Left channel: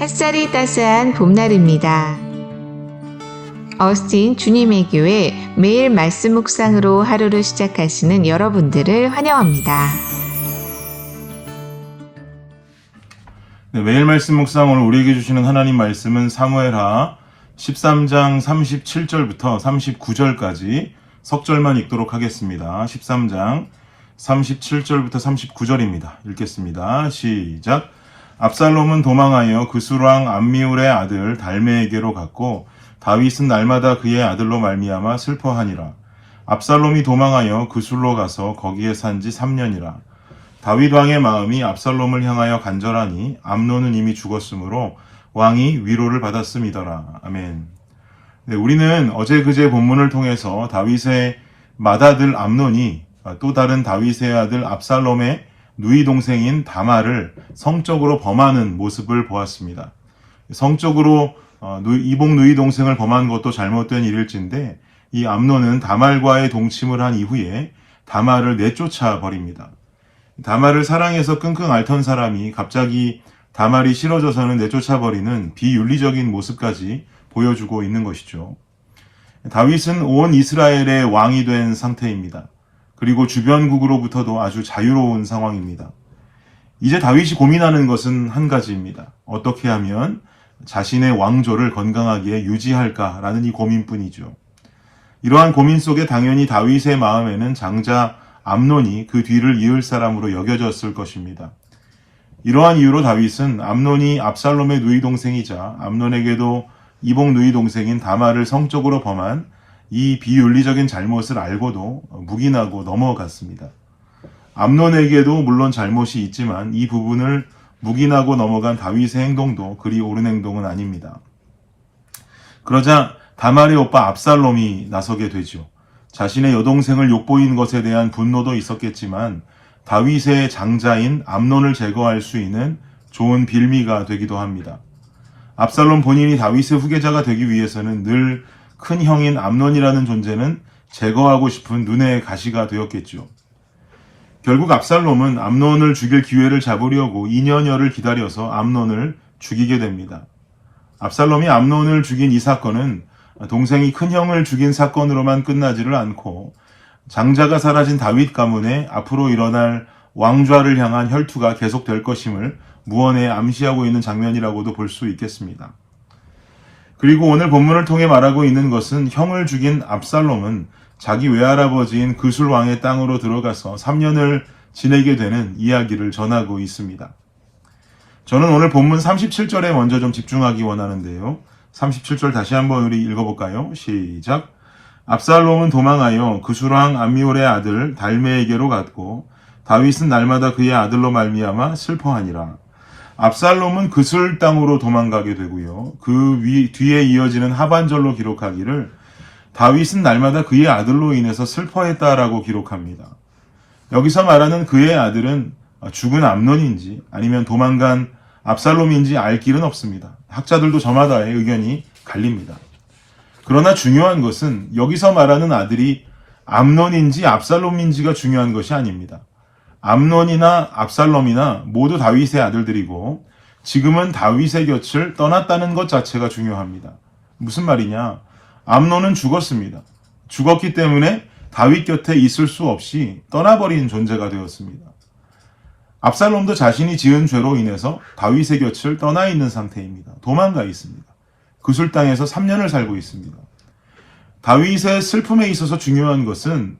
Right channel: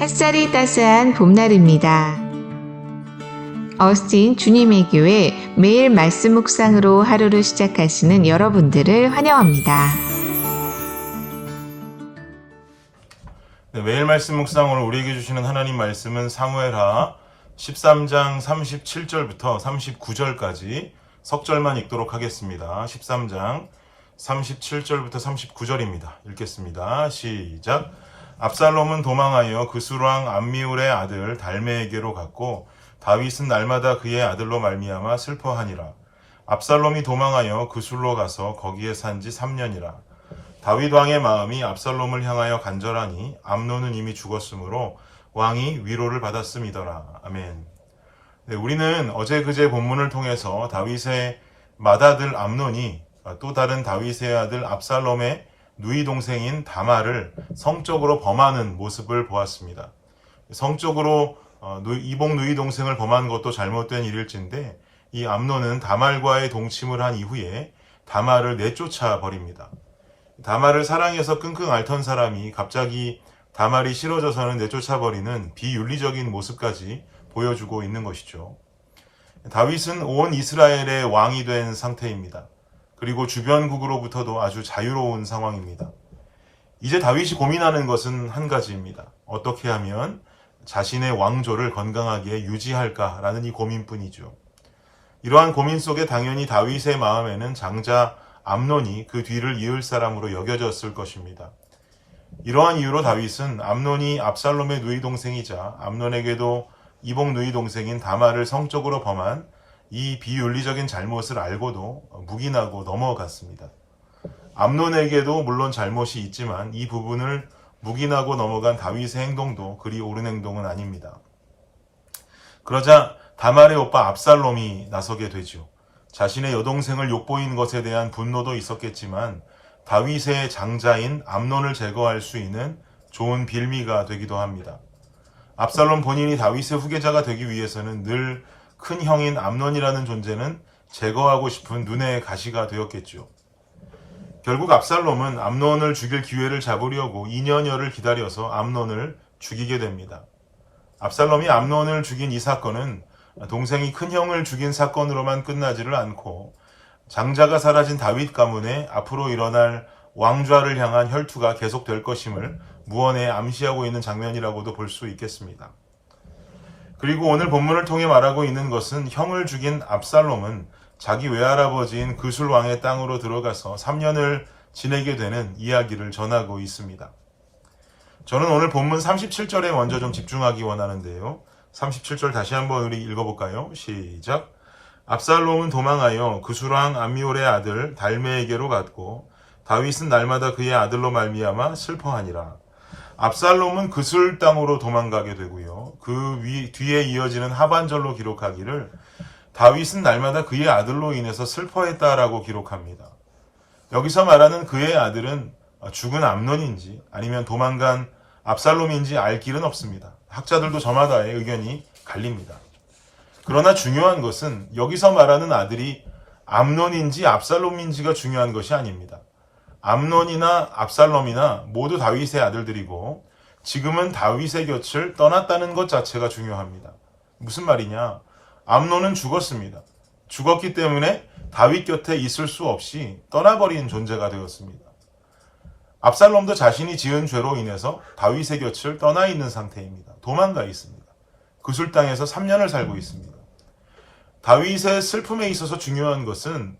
햇살이 따스한 봄날입니다. 어스틴 주님의 교회 매일 말씀 묵상으로 하루를 시작하시는 여러분들을 환영합니다. 네, 매일 말씀 묵상 오늘 우리에게 주시는 하나님 말씀은 사무엘하 13장 37절부터 39절까지 석절만 읽도록 하겠습니다. 13장 37절부터 39절입니다. 읽겠습니다. 시작. 압살롬은 도망하여 그술왕 암미울의 아들 달메에게로 갔고 다윗은 날마다 그의 아들로 말미암아 슬퍼하니라. 압살롬이 도망하여 그술로 가서 거기에 산지 3년이라. 다윗 왕의 마음이 압살롬을 향하여 간절하니 암논은 이미 죽었으므로 왕이 위로를 받았음이더라. 아멘. 네, 우리는 어제 그제 본문을 통해서 다윗의 맏아들 암논이 또 다른 다윗의 아들 압살롬의 누이 동생인 다말을 성적으로 범하는 모습을 보았습니다. 성적으로 이복 누이 동생을 범한 것도 잘못된 일일진데 이 암논은 다말과의 동침을 한 이후에 다말을 내쫓아 버립니다. 다말을 사랑해서 끙끙 앓던 사람이 갑자기 다말이 싫어져서는 내쫓아 버리는 비윤리적인 모습까지 보여주고 있는 것이죠. 다윗은 온 이스라엘의 왕이 된 상태입니다. 그리고 주변국으로부터도 아주 자유로운 상황입니다. 이제 다윗이 고민하는 것은 한 가지입니다. 어떻게 하면 자신의 왕조를 건강하게 유지할까라는 이 고민뿐이죠. 이러한 고민 속에 당연히 다윗의 마음에는 장자 암논이 그 뒤를 이을 사람으로 여겨졌을 것입니다. 이러한 이유로 다윗은 암논이 압살롬의 누이 동생이자 암논에게도 이복 누이 동생인 다말을 성적으로 범한 이 비윤리적인 잘못을 알고도 묵인하고 넘어갔습니다. 암논에게도 물론 잘못이 있지만 이 부분을 묵인하고 넘어간 다윗의 행동도 그리 옳은 행동은 아닙니다. 그러자 다말의 오빠 압살롬이 나서게 되죠. 자신의 여동생을 욕보인 것에 대한 분노도 있었겠지만 다윗의 장자인 암논을 제거할 수 있는 좋은 빌미가 되기도 합니다. 압살롬 본인이 다윗의 후계자가 되기 위해서는 늘 큰 형인 암논이라는 존재는 제거하고 싶은 눈의 가시가 되었겠죠. 결국 압살롬은 암논을 죽일 기회를 잡으려고 2년여를 기다려서 암논을 죽이게 됩니다. 압살롬이 암논을 죽인 이 사건은 동생이 큰 형을 죽인 사건으로만 끝나지를 않고 장자가 사라진 다윗 가문에 앞으로 일어날 왕좌를 향한 혈투가 계속될 것임을 무언에 암시하고 있는 장면이라고도 볼 수 있겠습니다. 그리고 오늘 본문을 통해 말하고 있는 것은 형을 죽인 압살롬은 자기 외할아버지인 그술 왕의 땅으로 들어가서 3년을 지내게 되는 이야기를 전하고 있습니다. 저는 오늘 본문 37절에 먼저 좀 집중하기 원하는데요. 37절 다시 한번 우리 읽어볼까요? 시작. 압살롬은 도망하여 그술 왕 암미울의 아들 달메에게로 갔고 다윗은 날마다 그의 아들로 말미암아 슬퍼하니라. 압살롬은 그술 땅으로 도망가게 되고요. 그 뒤에 이어지는 하반절로 기록하기를 다윗은 날마다 그의 아들로 인해서 슬퍼했다라고 기록합니다. 여기서 말하는 그의 아들은 죽은 암논인지 아니면 도망간 압살롬인지 알 길은 없습니다. 학자들도 저마다의 의견이 갈립니다. 그러나 중요한 것은 여기서 말하는 아들이 암논인지 압살롬인지가 중요한 것이 아닙니다. 암논이나 압살롬이나 모두 다윗의 아들들이고 지금은 다윗의 곁을 떠났다는 것 자체가 중요합니다. 무슨 말이냐? 암논은 죽었습니다. 죽었기 때문에 다윗 곁에 있을 수 없이 떠나버린 존재가 되었습니다. 압살롬도 자신이 지은 죄로 인해서 다윗의 곁을 떠나 있는 상태입니다. 도망가 있습니다. 그술 땅에서 3년을 살고 있습니다. 다윗의 슬픔에 있어서 중요한 것은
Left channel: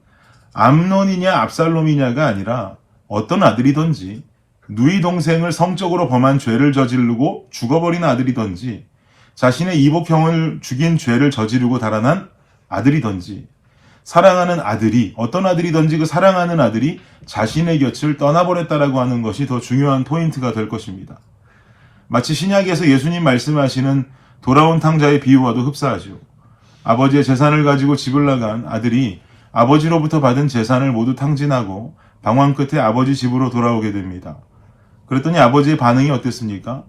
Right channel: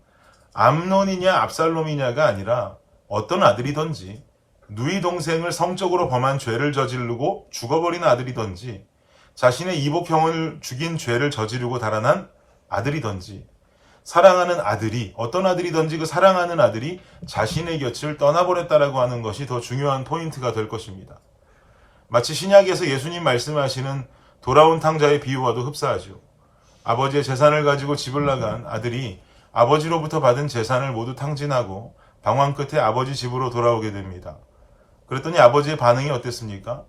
암논이냐 압살롬이냐가 아니라 어떤 아들이든지 누이 동생을 성적으로 범한 죄를 저지르고 죽어버린 아들이든지 자신의 이복형을 죽인 죄를 저지르고 달아난 아들이든지 사랑하는 아들이 어떤 아들이든지 그 사랑하는 아들이 자신의 곁을 떠나버렸다라고 하는 것이 더 중요한 포인트가 될 것입니다. 마치 신약에서 예수님 말씀하시는 돌아온 탕자의 비유와도 흡사하죠. 아버지의 재산을 가지고 집을 나간 아들이 아버지로부터 받은 재산을 모두 탕진하고 방황 끝에 아버지 집으로 돌아오게 됩니다. 그랬더니 아버지의 반응이 어땠습니까?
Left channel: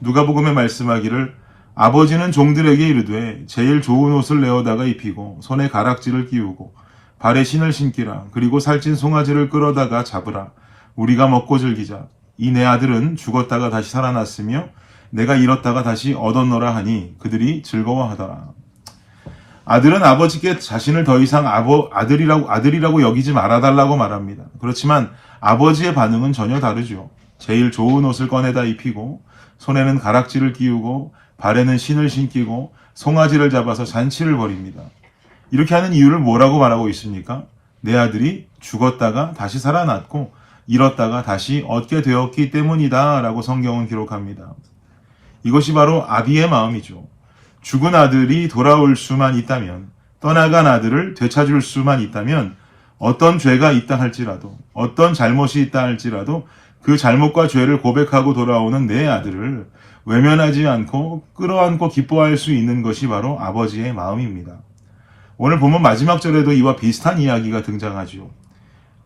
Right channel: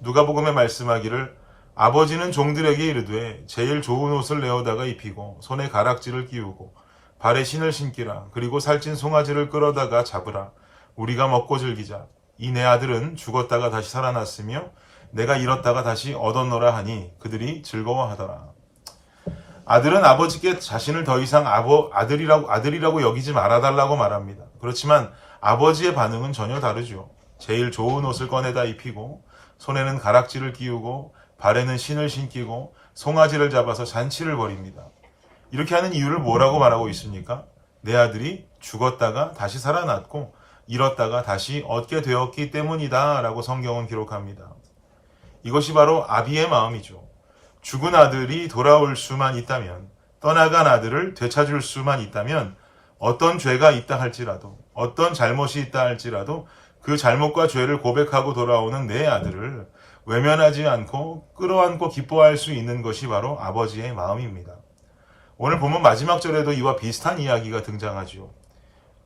누가복음에 말씀하기를 아버지는 종들에게 이르되 제일 좋은 옷을 내어다가 입히고 손에 가락지를 끼우고 발에 신을 신기라. 그리고 살찐 송아지를 끌어다가 잡으라. 우리가 먹고 즐기자. 이 내 아들은 죽었다가 다시 살아났으며 내가 잃었다가 다시 얻었노라 하니 그들이 즐거워하더라. 아들은 아버지께 자신을 더 이상 아들이라고 여기지 말아달라고 말합니다. 그렇지만 아버지의 반응은 전혀 다르죠. 제일 좋은 옷을 꺼내다 입히고 손에는 가락지를 끼우고 발에는 신을 신기고 송아지를 잡아서 잔치를 벌입니다. 이렇게 하는 이유를 뭐라고 말하고 있습니까? 내 아들이 죽었다가 다시 살아났고 잃었다가 다시 얻게 되었기 때문이다 라고 성경은 기록합니다. 이것이 바로 아비의 마음이죠. 죽은 아들이 돌아올 수만 있다면, 떠나간 아들을 되찾을 수만 있다면, 어떤 죄가 있다 할지라도, 어떤 잘못이 있다 할지라도 그 잘못과 죄를 고백하고 돌아오는 내 아들을 외면하지 않고 끌어안고 기뻐할 수 있는 것이 바로 아버지의 마음입니다. 오늘 본문 마지막 절에도 이와 비슷한 이야기가 등장하죠.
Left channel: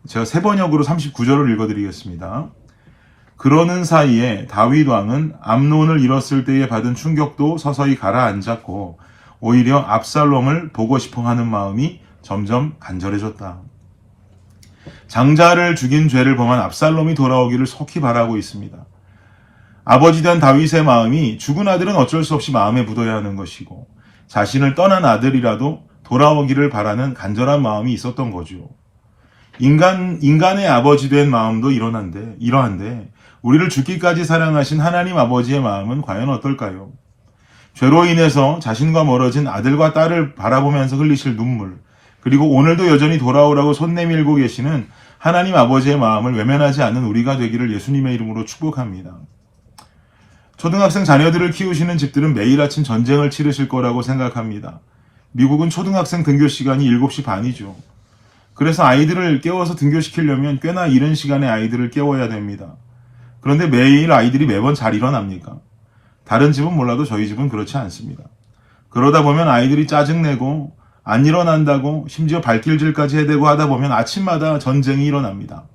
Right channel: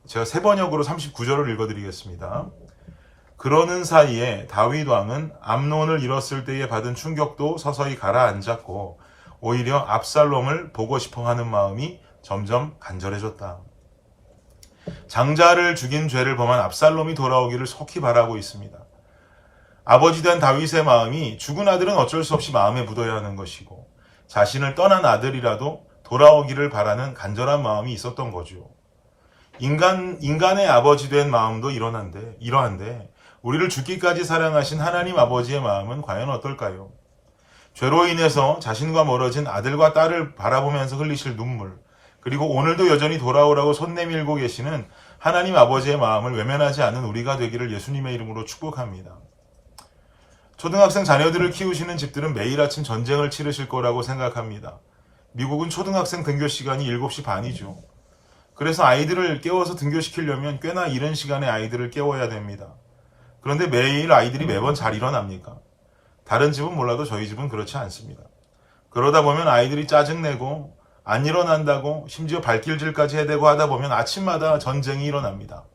제가 세 번역으로 39절을 읽어드리겠습니다. 그러는 사이에 다윗 왕은 암논을 잃었을 때에 받은 충격도 서서히 가라앉았고 오히려 압살롬을 보고 싶어 하는 마음이 점점 간절해졌다. 장자를 죽인 죄를 범한 압살롬이 돌아오기를 속히 바라고 있습니다. 아버지 된 다윗의 마음이 죽은 아들은 어쩔 수 없이 마음에 묻어야 하는 것이고 자신을 떠난 아들이라도 돌아오기를 바라는 간절한 마음이 있었던 거죠. 인간의 아버지 된 마음도 이러한데 우리를 죽기까지 사랑하신 하나님 아버지의 마음은 과연 어떨까요? 죄로 인해서 자신과 멀어진 아들과 딸을 바라보면서 흘리실 눈물, 그리고 오늘도 여전히 돌아오라고 손 내밀고 계시는 하나님 아버지의 마음을 외면하지 않는 우리가 되기를 예수님의 이름으로 축복합니다. 초등학생 자녀들을 키우시는 집들은 매일 아침 전쟁을 치르실 거라고 생각합니다. 미국은 초등학생 등교 시간이 7시 반이죠. 그래서 아이들을 깨워서 등교시키려면 꽤나 이른 시간에 아이들을 깨워야 됩니다. 그런데 매일 아이들이 매번 잘 일어납니까? 다른 집은 몰라도 저희 집은 그렇지 않습니다. 그러다 보면 아이들이 짜증내고 안 일어난다고 심지어 발길질까지 해대고 하다 보면 아침마다 전쟁이 일어납니다.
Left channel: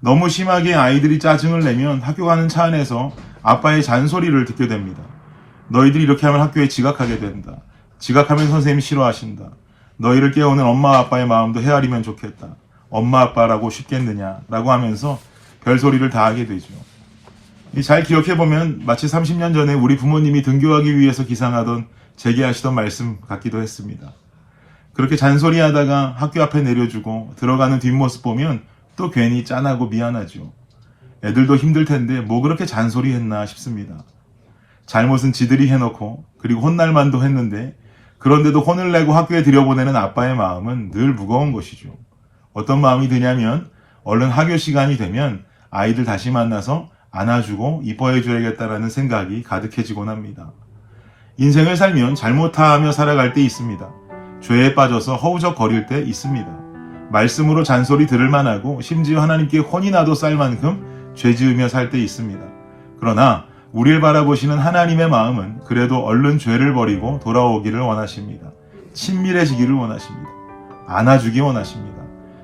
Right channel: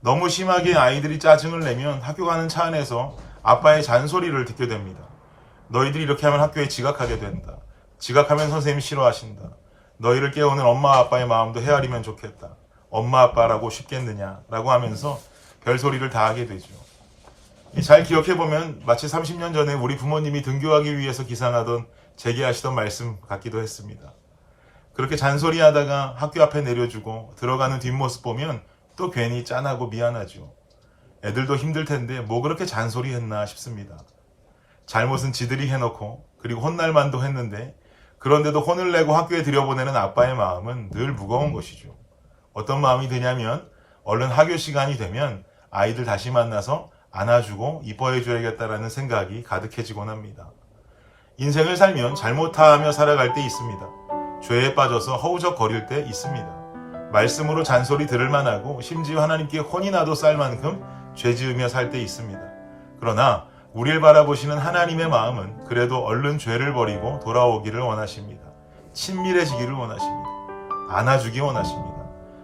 너무 심하게 아이들이 짜증을 내면 학교 가는 차 안에서 아빠의 잔소리를 듣게 됩니다. 너희들이 이렇게 하면 학교에 지각하게 된다. 지각하면 선생님이 싫어하신다. 너희를 깨우는 엄마 아빠의 마음도 헤아리면 좋겠다. 엄마 아빠라고 쉽겠느냐 라고 하면서 별소리를 다 하게 되죠. 잘 기억해보면 마치 30년 전에 우리 부모님이 등교하기 위해서 기상하던 제기하시던 말씀 같기도 했습니다. 그렇게 잔소리하다가 학교 앞에 내려주고 들어가는 뒷모습 보면 또 괜히 짠하고 미안하죠. 애들도 힘들 텐데 뭐 그렇게 잔소리했나 싶습니다. 잘못은 지들이 해놓고 그리고 혼날 만도 했는데 그런데도 혼을 내고 학교에 들여보내는 아빠의 마음은 늘 무거운 것이죠. 어떤 마음이 드냐면 얼른 학교 시간이 되면 아이들 다시 만나서 안아주고 이뻐해줘야겠다라는 생각이 가득해지곤 합니다. 인생을 살면 잘못하며 살아갈 때 있습니다. 죄에 빠져서 허우적거릴 때 있습니다. 말씀으로 잔소리 들을 만하고 심지어 하나님께 혼이 나도 쌀 만큼 죄 지으며 살 때 있습니다. 그러나 우리를 바라보시는 하나님의 마음은 그래도 얼른 죄를 버리고 돌아오기를 원하십니다. 친밀해지기를 원하십니다. 안아주기 원하십니다.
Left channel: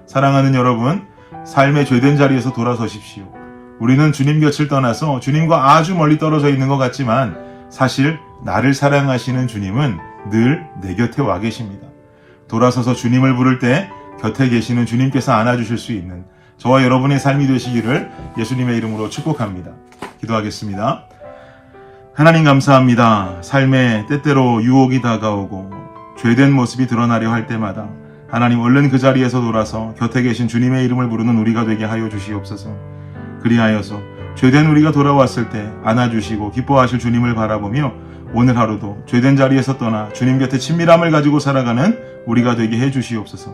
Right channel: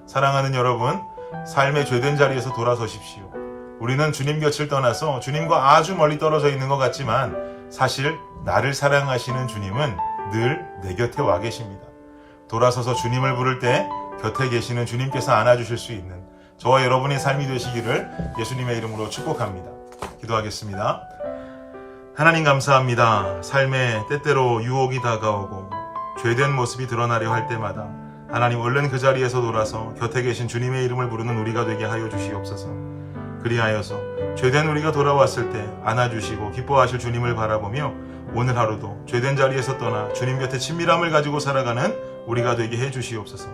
사랑하는 여러분, 삶의 죄된 자리에서 돌아서십시오. 우리는 주님 곁을 떠나서 주님과 아주 멀리 떨어져 있는 것 같지만 사실 나를 사랑하시는 주님은 늘 내 곁에 와 계십니다. 돌아서서 주님을 부를 때 곁에 계시는 주님께서 안아주실 수 있는 저와 여러분의 삶이 되시기를 예수님의 이름으로 축복합니다. 기도하겠습니다. 하나님 감사합니다. 삶에 때때로 유혹이 다가오고 죄된 모습이 드러나려 할 때마다 하나님 얼른 그 자리에서 돌아서 곁에 계신 주님의 이름을 부르는 우리가 되게 하여 주시옵소서. 그리하여서 죄된 우리가 돌아왔을 때 안아주시고 기뻐하실 주님을 바라보며 오늘 하루도 죄된 자리에서 떠나 주님 곁에 친밀함을 가지고 살아가는 우리가 되게 해주시옵소서.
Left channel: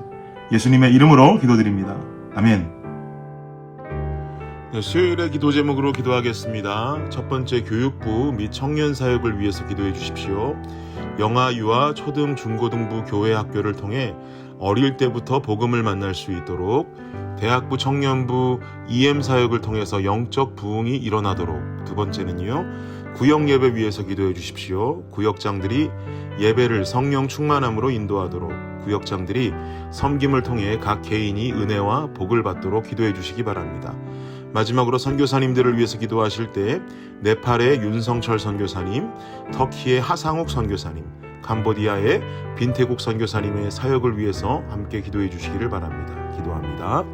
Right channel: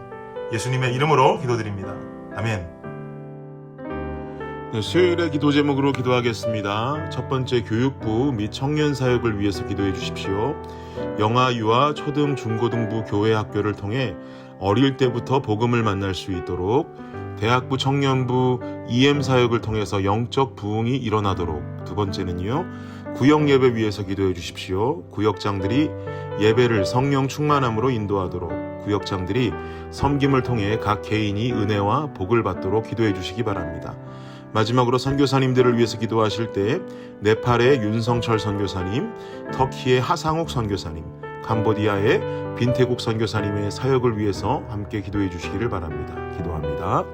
예수님의 이름으로 기도드립니다. 아멘. 네, 수요일의 기도 제목으로 기도하겠습니다. 첫 번째, 교육부 및 청년 사역을 위해서 기도해 주십시오. 영아, 유아, 초등, 중고등부 교회 학교를 통해 어릴 때부터 복음을 만날 수 있도록, 대학부 청년부 EM 사역을 통해서 영적 부흥이 일어나도록. 두 번째는요, 구역 예배 위해서 기도해 주십시오. 구역장들이 예배를 성령 충만함으로 인도하도록, 구역장들이 섬김을 통해 각 개인이 은혜와 복을 받도록 기도해 주시기 바랍니다. 마지막으로 선교사님들을 위해서 기도하실 때 네팔의 윤성철 선교사님, 터키의 하상욱 선교사님, 캄보디아의 빈태국 선교사님의 사역을 위해서 함께 기도해 주시기를 바랍니다. 기도합니다.